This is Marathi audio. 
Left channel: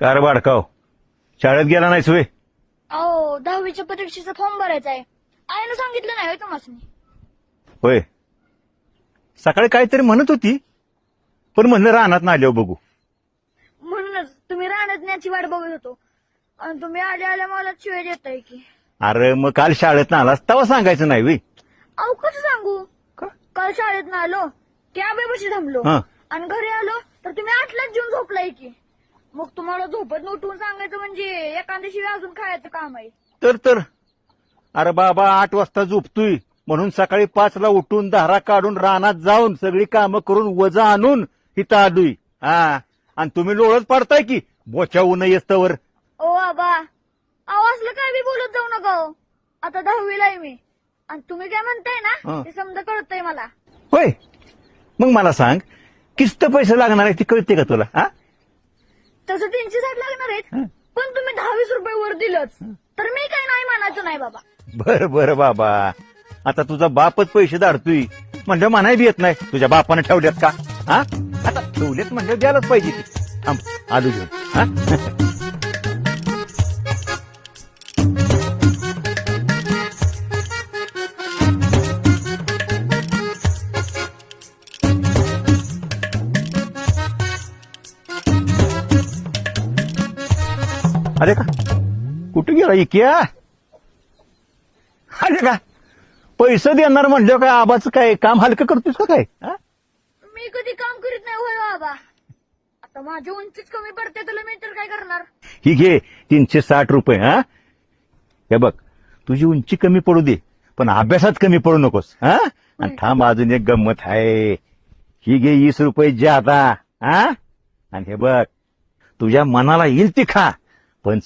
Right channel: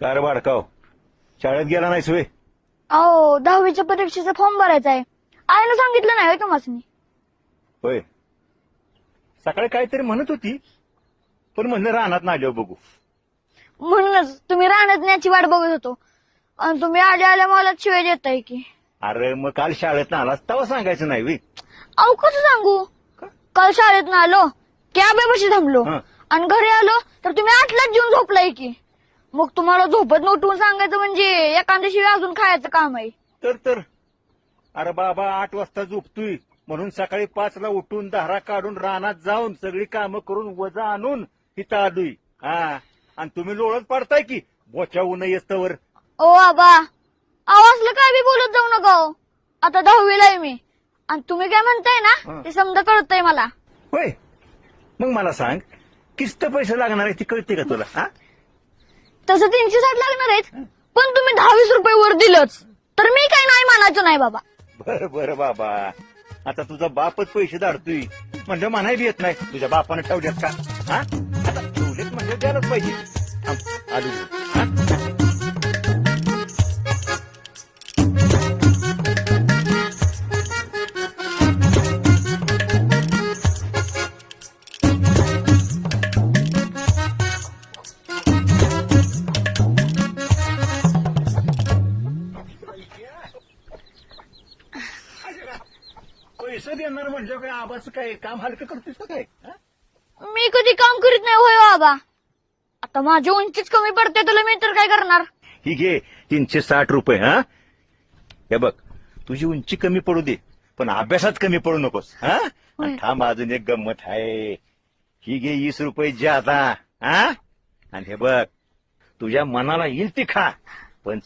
का रे बाडकाव, शाळेत गेला नाहीस वे? अहो 10वीच्या परीक्षेचा फॉर्म भरायचा आहे. आईनं सांगितलं नाही तुम्हाला. होय, सकाळी काहीतरी म्हणत होती, पण म्हणलं रानात ना आल्यावर बघू. म्हणूनच तुम्ही राहण्यात न्याची वाट बघत होतो आणि तुम्ही आल्या आल्या मला शिवाय देताय की. अरे मग काल शाळेत ना आलास तेव्हा सांगायचं नाही वे? अहो कसं सांगू? काल शाळेत ना आलो की आब्यापाशी थांबलो हं. आणि घरी आलो तर तुम्ही 8लाच जेवून झोपलाय की. मग तुम्हाला झोपत उठवून सांगायचं म्हणजे एखाद्या शिवाय अजून खायचं काम आहे. तर अरे बाबा 8 वाजता झोपतोय म्हणून सकाळी 5ला उठून दारा काढून रानात जाऊन सगळी कामं करून वजा आणून इथं आलोय. हा, आणि तुम्ही लोळत पडताय की बोच्या ऊन येस्तवर. ओ बाबा, अहो असलं काय बी बोलत जाऊ नका हो. आता 10वीला आहे मी आणि तुम्ही काय म्हणताय ना हं. ते समजा कळतंय मला. होय, मग मला सांग, किस्त पैसे लागणार आहे ती कळते का तुला? हा, तसं 360 लागणार आहेत, हं. पण तुम्ही 10-20 रुपये वर दिलंच तर मी काही नाही मानायचं नाही बाबा. बरं बाबा, आता तुझा बापच पैसे धाडतोय म्हणजे म्हणायला येत नाही तुझ्या बापाने ठेवल्यात का? हा, आता ठेवलेत म्हणजे द्यायलाच पाहिजे. थांब, आलो घरी. हा? अरे का कुठे गेला इक्या? अरे का पैसे देणार म्हणलं काय आबाचं काय काम हलकं करतोस का काय? हा? मी कधी काम करीत नाही होय बाबा. आता माझी उंचीच कमी पडते तुला मी तर काय करणार. ही घे 360 रुपये. हा, हे बघ, तुझी उंची कमी पडू दे पण अभ्यासात कमी पडू नकोस. हा, आणि थांब अजून एक गंमत आहे. ही घे 20 रुपये ज्यादा. हा, आणि हे बघ, तुझ्या मनाला येईल ती खा पण